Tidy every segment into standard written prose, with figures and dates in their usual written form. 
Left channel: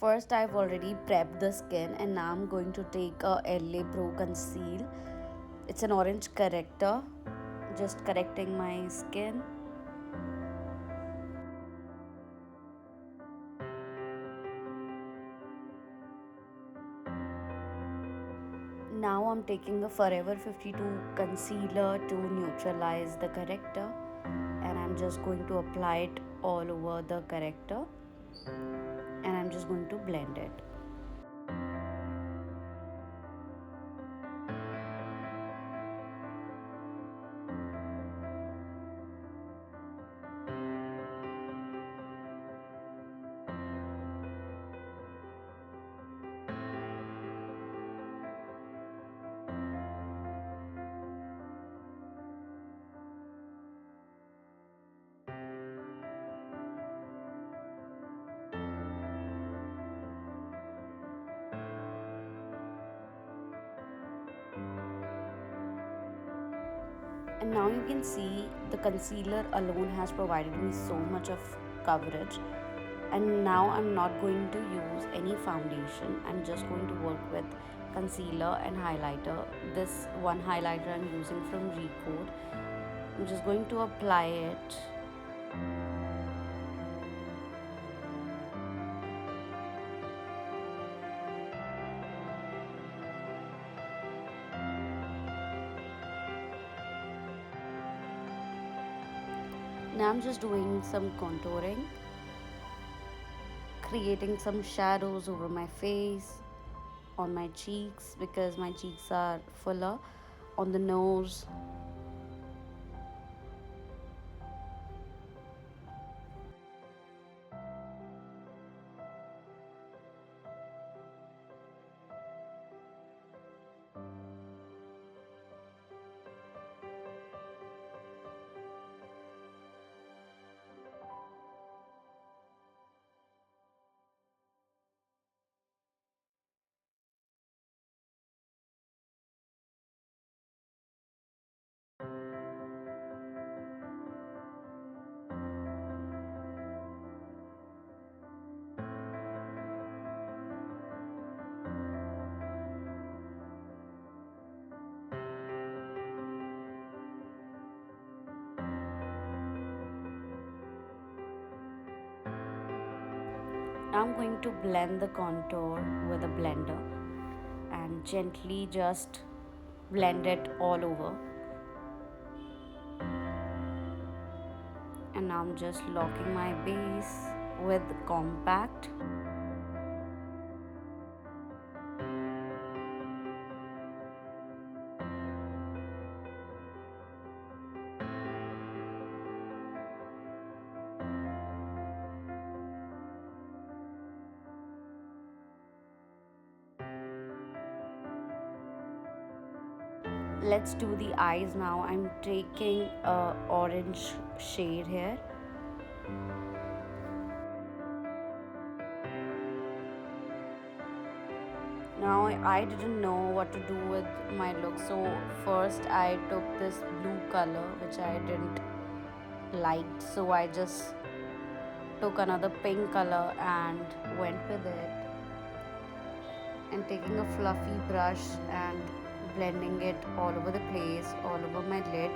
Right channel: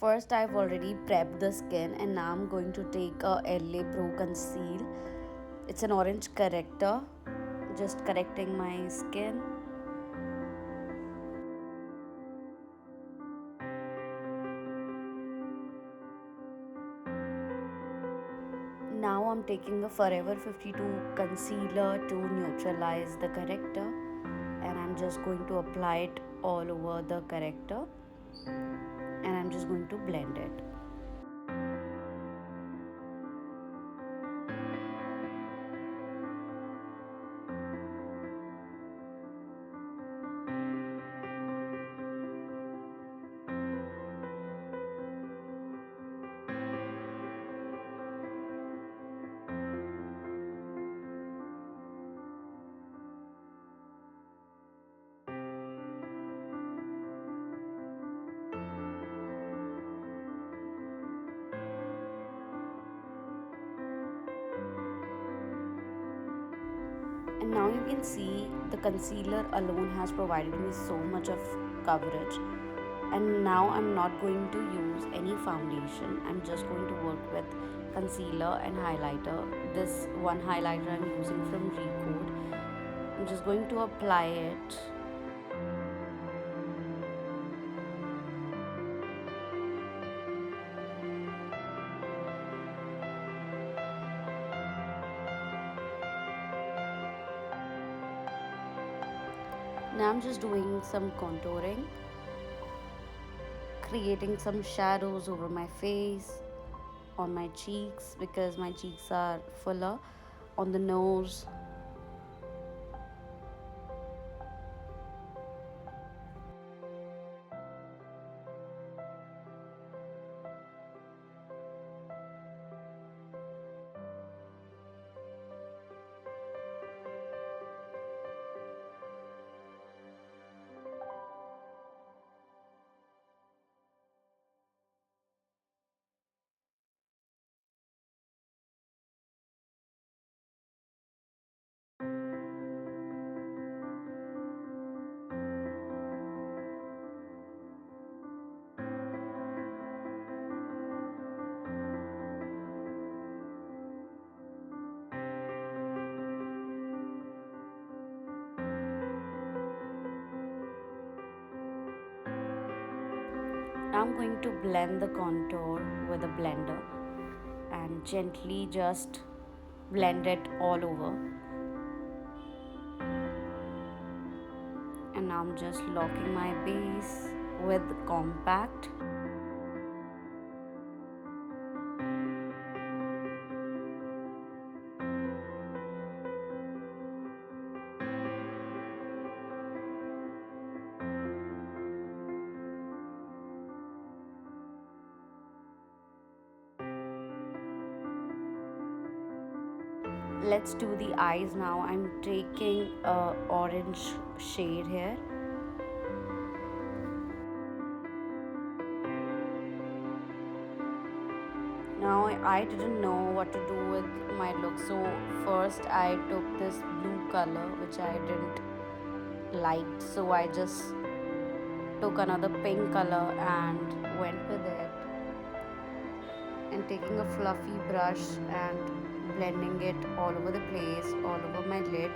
First, I've already prepped the skin, and now I'm going to take a LA Pro Conceal. It's an orange corrector, just correcting my skin. Now I'm taking a Forever 52 concealer to neutralize the corrector, and I'm just going to apply it all over the corrector, and I'm just going to blend it. And now you can see the concealer alone has provided me so much of coverage. And now I'm not going to use any foundation. I'm just going to work with concealer and highlighter. This one highlighter I'm using from Recode. I'm just going to apply it. Now I'm just doing some contouring, creating some shadows over my face, on my cheeks because my cheeks are fuller, on the nose. Now I'm going to blend the contour with a blender and gently just blend it all over. And now I'm just locking my base with compact. Let's do the eyes now. I'm taking a orange shade here. Now I didn't know what to do with my look, so first I took this blue color which I didn't like, so I just took another pink color and went with it, and taking a fluffy brush and blending it all over the place, all over my lid.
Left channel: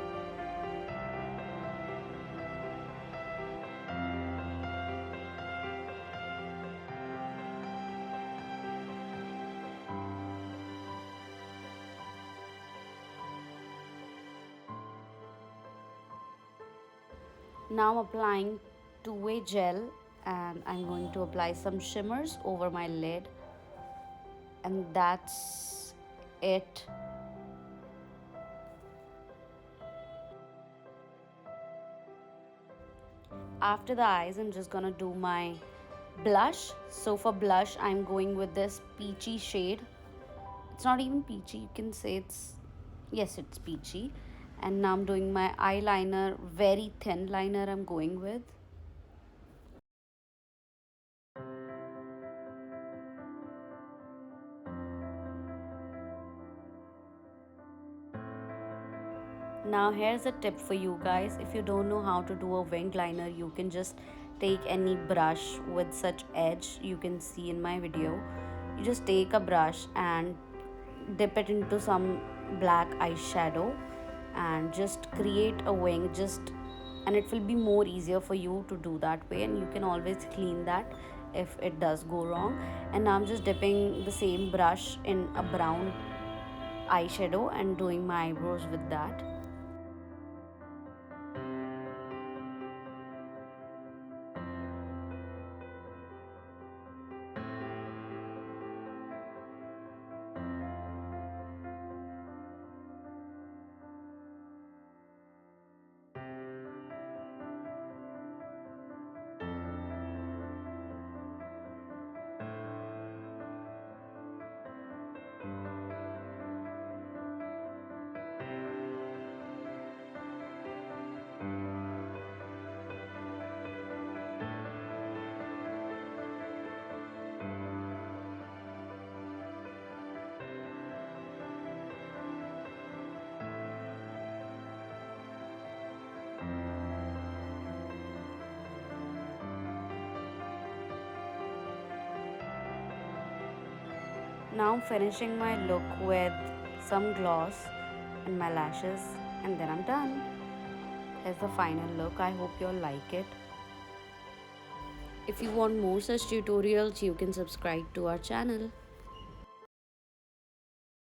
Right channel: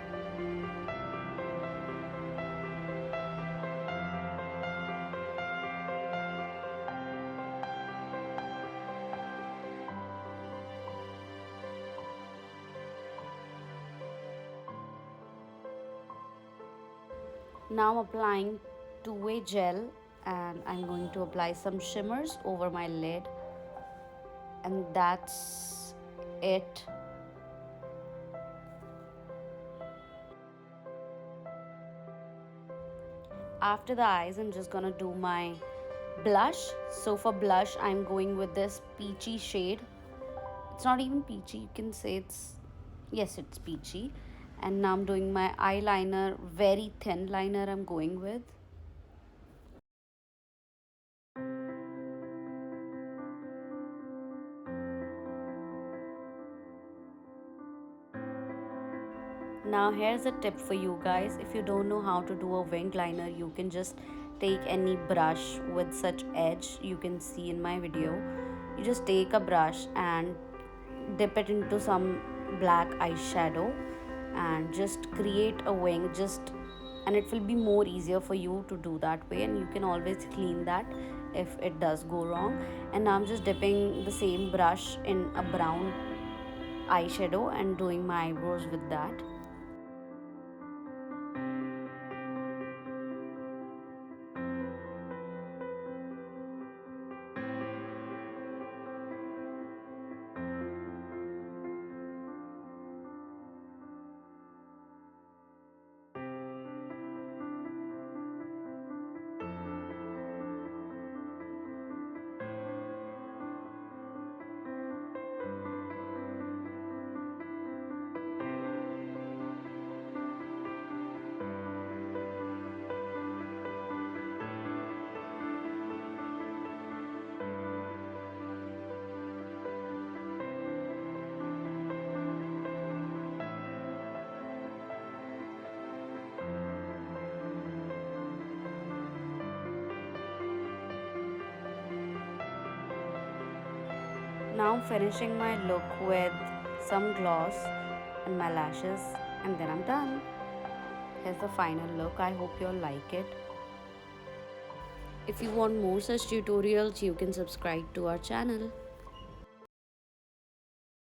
Now applying two-way gel, and I'm going to apply some shimmers over my lid, and that's it. After the eyes, I'm just gonna do my blush. So for blush, I'm going with this peachy shade. It's not even peachy, you can say it's, yes, it's peachy. And now I'm doing my eyeliner, very thin liner I'm going with. Now here's a tip for you guys. If you don't know how to do a wing liner, you can just take any brush with such edge you can see in my video. You just take a brush and dip it into some black eyeshadow and just create a wing, just, and it will be more easier for you to do that way, and you can always clean that if it does go wrong. And now I'm just dipping the same brush in a brown eyeshadow and doing my eyebrows with that. Now I'm finishing my look with some gloss and my lashes, and then I'm done. Here's the final look. I hope you all like it. If you want more such tutorials, you can subscribe to our channel.